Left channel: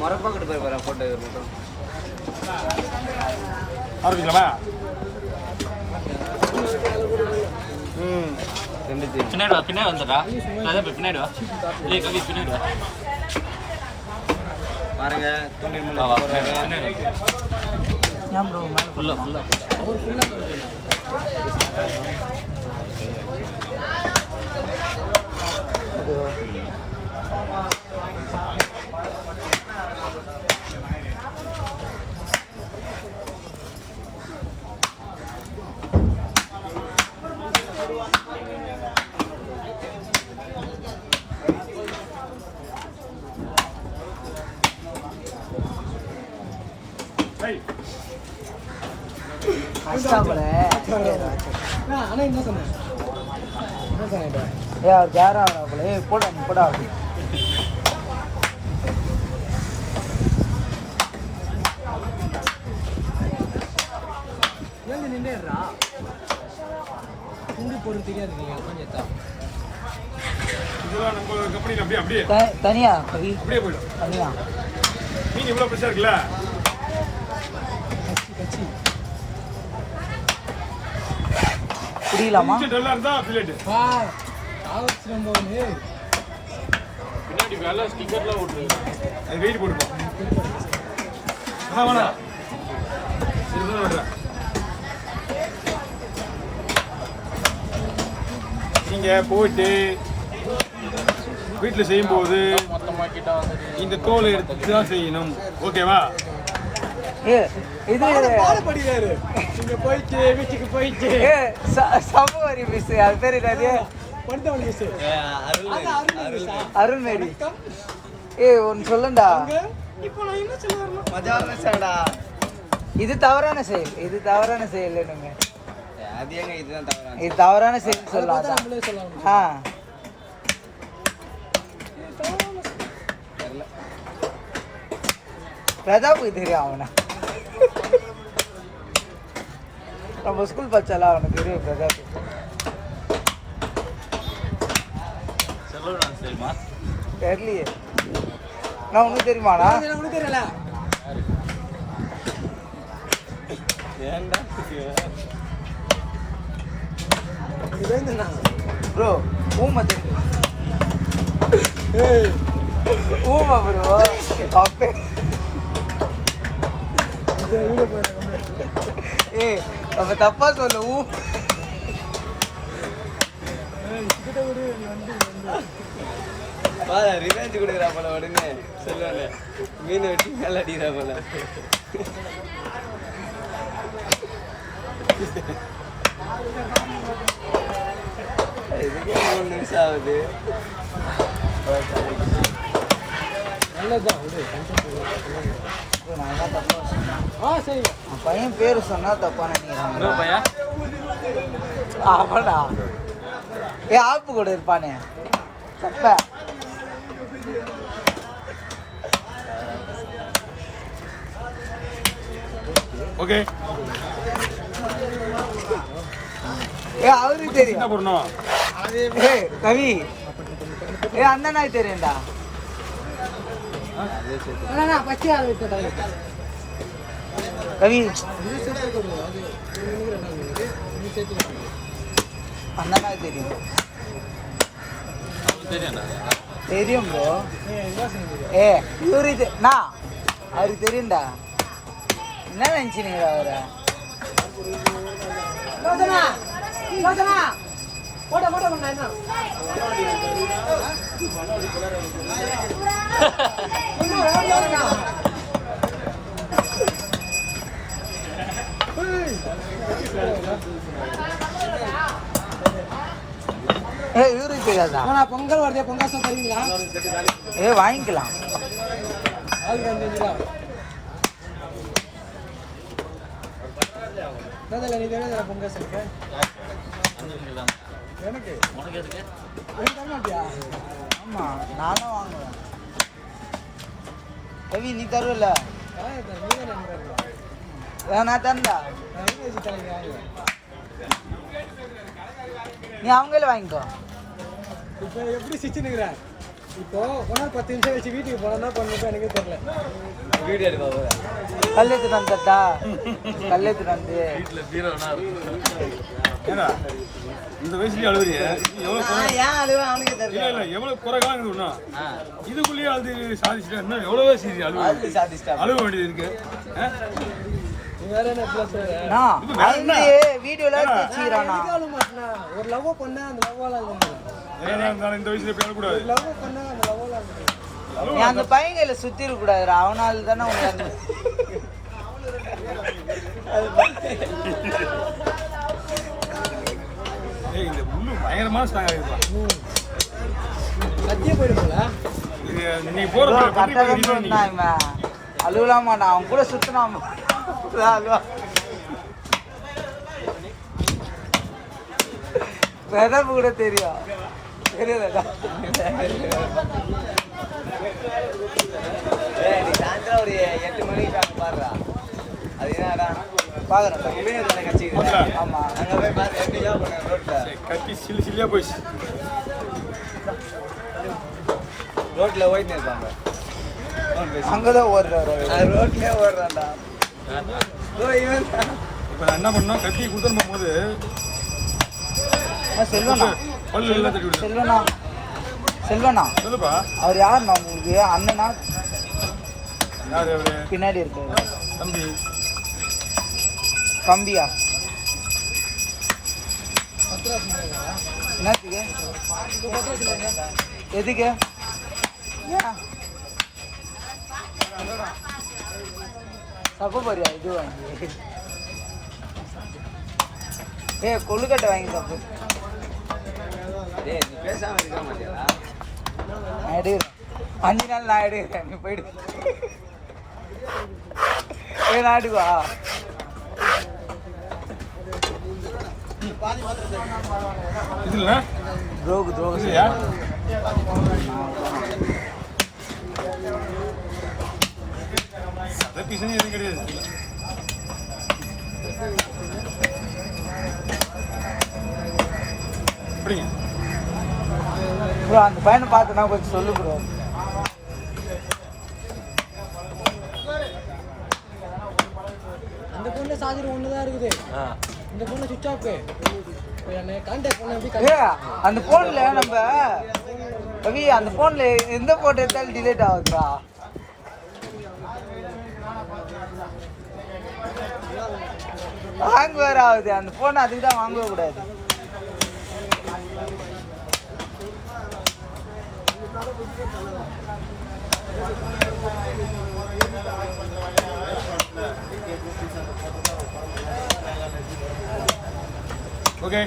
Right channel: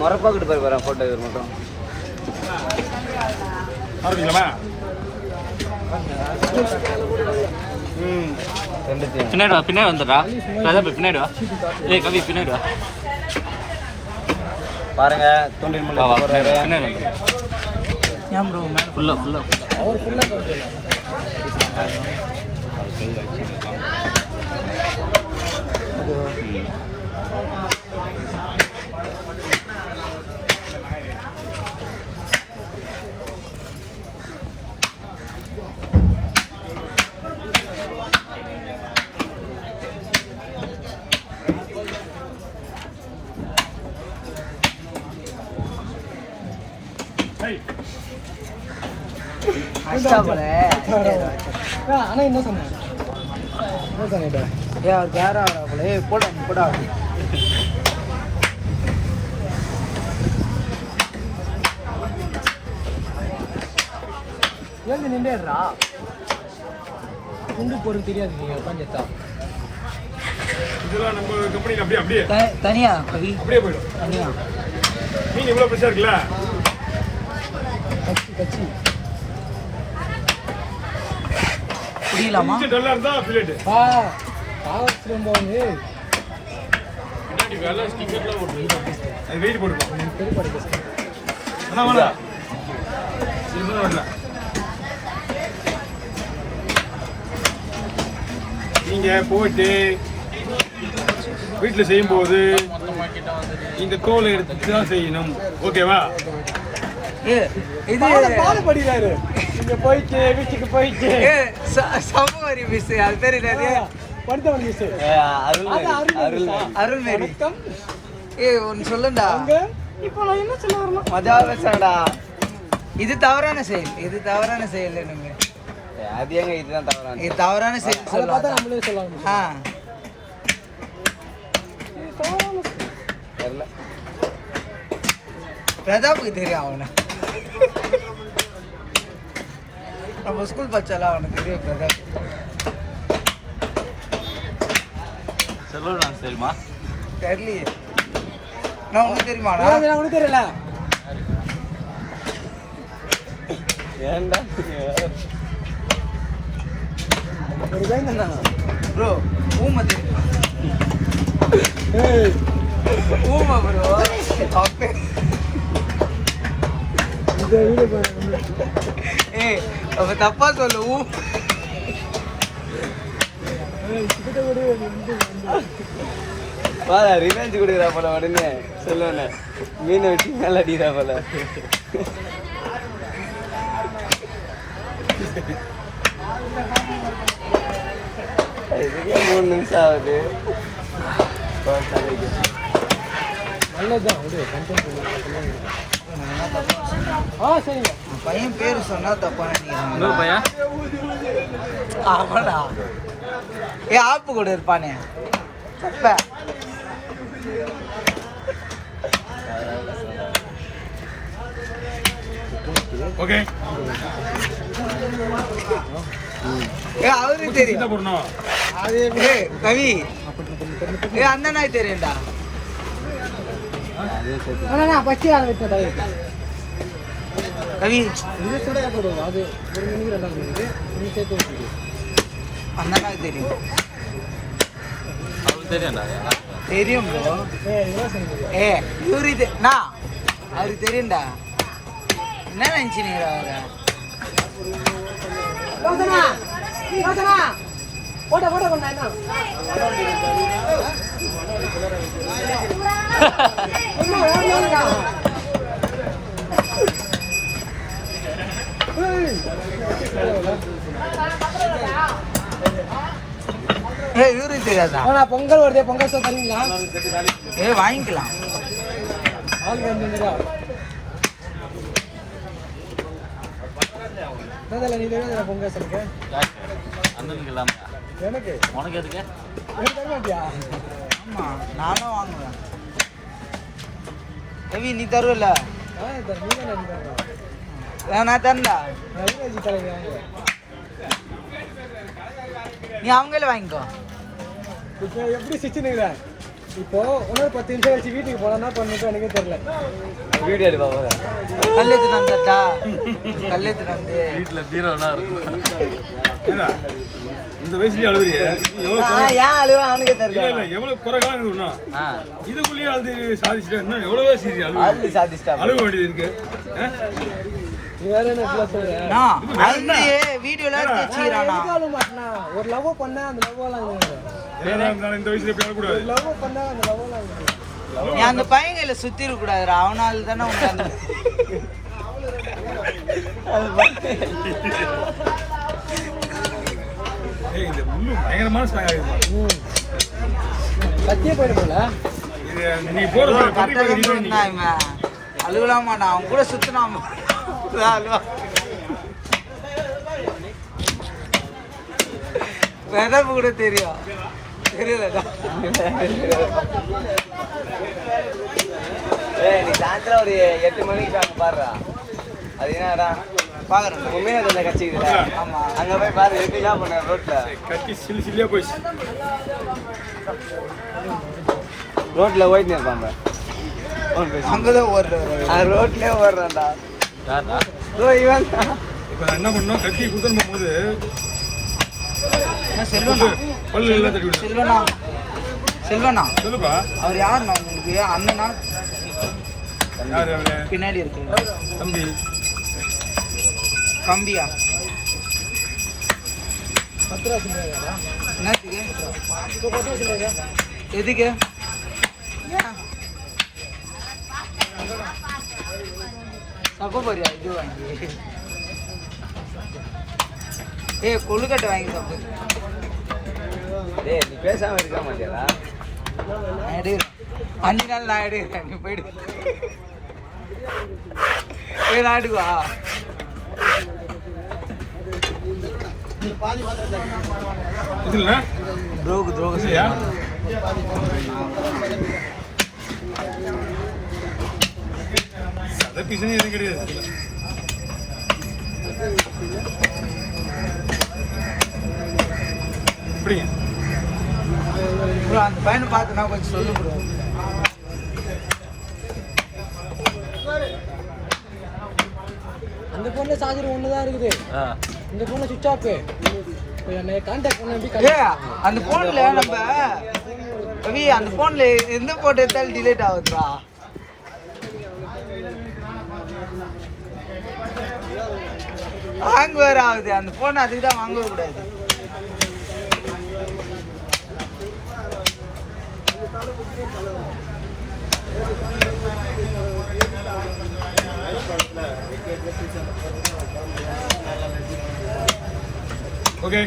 மொரப்பாக்கிட்டு போய் போட்டோ மட்டும் பின்னாடி பின்னாடி வந்துடா பின்னாடி வா கவி பின்னாடி வா பாருங்க பின்னாடி ஃபுல்லா ஃபுல்லா என்ன சொன்னேன் போட போடா ஏன் நின்றா குண்டு பொருள் தெரியாது நீங்க உட்காந்துட்டா இதெல்லாம் நம்ம கம்பெனில அப்படியே அப்படியே தனியா அப்படியே போய்டும் தனியா மீன் எவ்வளவு பிரச்சனை இருக்குல்ல கச்சி புரியலாமா டல்லா இருந்தா ஃபிலெட் ஆவஸ் ரொம்பவே பின்னாடி வெள்ள ஸ்டிக்கர்ல போட்டு அது வெயிட் போடுவோம் பெரிய படி அண்ணா வாடா சிறுதா வாடா நீங்க போயிட்டு வீட்டில் செய்யும்போது இந்த தோலை எடுத்து தான் செய்யணும் ஓகேவா இது பாடுபடுறாரு இங்க போயிட்டு வீட்டுக்கு போயிட்டு சமவாரி மிஸ் அது பேர் என்னது படுத்தவன் மிஸ் அருள்மேரி ஒன்னு சொல்லுண்டா இப்போ நான் என்ன சொல்ல வரணும் மஜாவே சொல்லடா இது தவறான செயல் என்னங்க அது ஏங்க இதுதான் தவறான இது தவறான செயல் சொல்லலாம் நம்மளே சொல்லலாம் தெரியல பிரதாப்புக்கு தெரியும் அவனை நம்ம ஸ்கூல் பச்சாலாம் அவனுக்கு தெரியும் பிரதாப் சொல்லலாம் சரிம்மா தெரியலையே நான் உனக்கு தெரியுமாண்ணா உனக்கு தெரியல ஏன்டா ப்ரோ ஊமை தெரியும் ஊமை ப்ரோ அப்பே அப்ப தப்பா சொல்லு ரிவெஞ்ச் கொடுக்குறா போல உடனே சொல்லுவேன் மீனை வெட்டி மேல அடிக்கிறா போல இதுக்கே 3 நிமிஷம் ஆகுது பையன் பேரு சொன்னா தப்பா நினைக்கிறான் அவனா ஆப்பு கூட இருப்பானே தப்ப ஓகே அவருக்கு தெரியும் கவி அண்ணனா தெரியும்டா கவி அண்ணனா தெரியும் தெரியும் ப்ரோ இவரு நான் அவருக்கு தெரியும்டா என்ன நினைச்சினீங்களா அவரை போட்ட போட்ட பண்ணா இவரு தெரியாதா பொங்கல் வருது பொங்கல் தருவீங்களா வாங்கிக்கலாம் பொங்கல் சொல்லுங்க எனக்கு உனக்கு எதுக்கு ஆமா நானும் வாங்குவேன் கவி நீ தருவல நான் தரல. நீ அவங்களே வாங்கிக்கோ. இப்போ எப்படி சிச்சுனுங்கிற இப்போ இன்னொரு 10 நிமிஷம் கழிச்சு வீட்டுக்கு போனா பண்ணிட்டு எனக்கே தெரியல. வீடியோ எடுப்பா போதா கல்லெத்து தந்தா கல்லெத்து தந்து வீட்டுல பீரோனா இருக்கும். இந்த வயசுலயே அழுவுறிய ஏன் அழுவா அவனுக்கு தெரியல. இல்ல எவ்வளவு குறைகாலம் இருக்கும்னா இதுக்குள்ளேயே அழுது சாதிச்சுட்டா இன்னும் எவ்வளவோ சீரி அழுவு சாதிச்சிட்டா அழுவ வேண்டியது இருக்கு. வீடியோல வச்சுக்கிறானா ஒரு லவ் பண்ணா அந்த லவ் இந்த வயசுல எப்படி அழக்கூடாது. லவ் பண்ணா அந்த லவ் நீ அந்த பையங்களை சுத்தி இருக்க கூடாதுடா. அவனால தானே உனக்கு இந்த முள்ளு பயங்கரமான ஸ்டாக் ஆகுது. சத்தியம் போயிடும்ல நீ போற அழுகலாம் மாட்டான். அவன் கூட சுத்தினாம வெதப்பு கூட தெரியும். தெரியலடா. நீ சாயந்தரம் ஒரு 8 மணிக்கு பாடுறா. அது என்னடா பாக்குறேன். உண்மையா கட்சிக்கு. ஆமா அங்க போய் பாரு எப்படிலாம் பண்ண ரோட்ல கட்சி சில்லியா போயிடுச்சு. ரோட்ல போயிட்டு இருப்பாங்க. அங்கதான் ஓடுறாரு. ரோட்லயே ஓடுறா. இப்ப என்ன பண்ணோம் கட்சி குடுத்துட்டு போகும்போது செல்வனா பல்லு எல்லாம் தட்டி விடு. செல்வனா செல்வனா சொல்லுப்பா. அவர் யாருண்ணா உங்களுக்கு? அண்ணனா? யாரு அவரு? பின்னாடி இருக்கு தம்பி கம்பியா? 10 ரூபா என்னத்துக்கு? இப்போ 10 ரூபா எதுக்கு? தப்ப போறியா? இது வாங்கி கொழுக்கட்டை வாங்கி தப்பு. டேய் நீ பேசாம இருக்க மாட்டியாடா? நான் எடுக்கிறேன். 5 நாள் நான் எடுக்கிறேன். நீ போயிடு. நாடுவா இதுல துரோகு துரோகு இல்லையா? சத பீசனே எதுவும் கிடையாது. எப்படிங்க ப்ரோ அந்த பையனை பார்த்துனா கொஞ்சம் சொல்லு ப்ரோ. இந்த பொண்ணு சார்ஜர் ஒண்ணுதான் இருக்குது. இந்த பொண்ணு சுவிட்ச் ஆஃப். என்னை கான்டாக்ட் பண்ணி அந்த போன்ல நம்ம ரவி அந்த போன்ல எந்த போட்டோ எடுத்தாலும் டிலேட் ஆகுதுடா. ஹேங் வேற ஆகுது அந்த போன். அதுக்கு தான் வாங்கவே கூடாது. ஓகே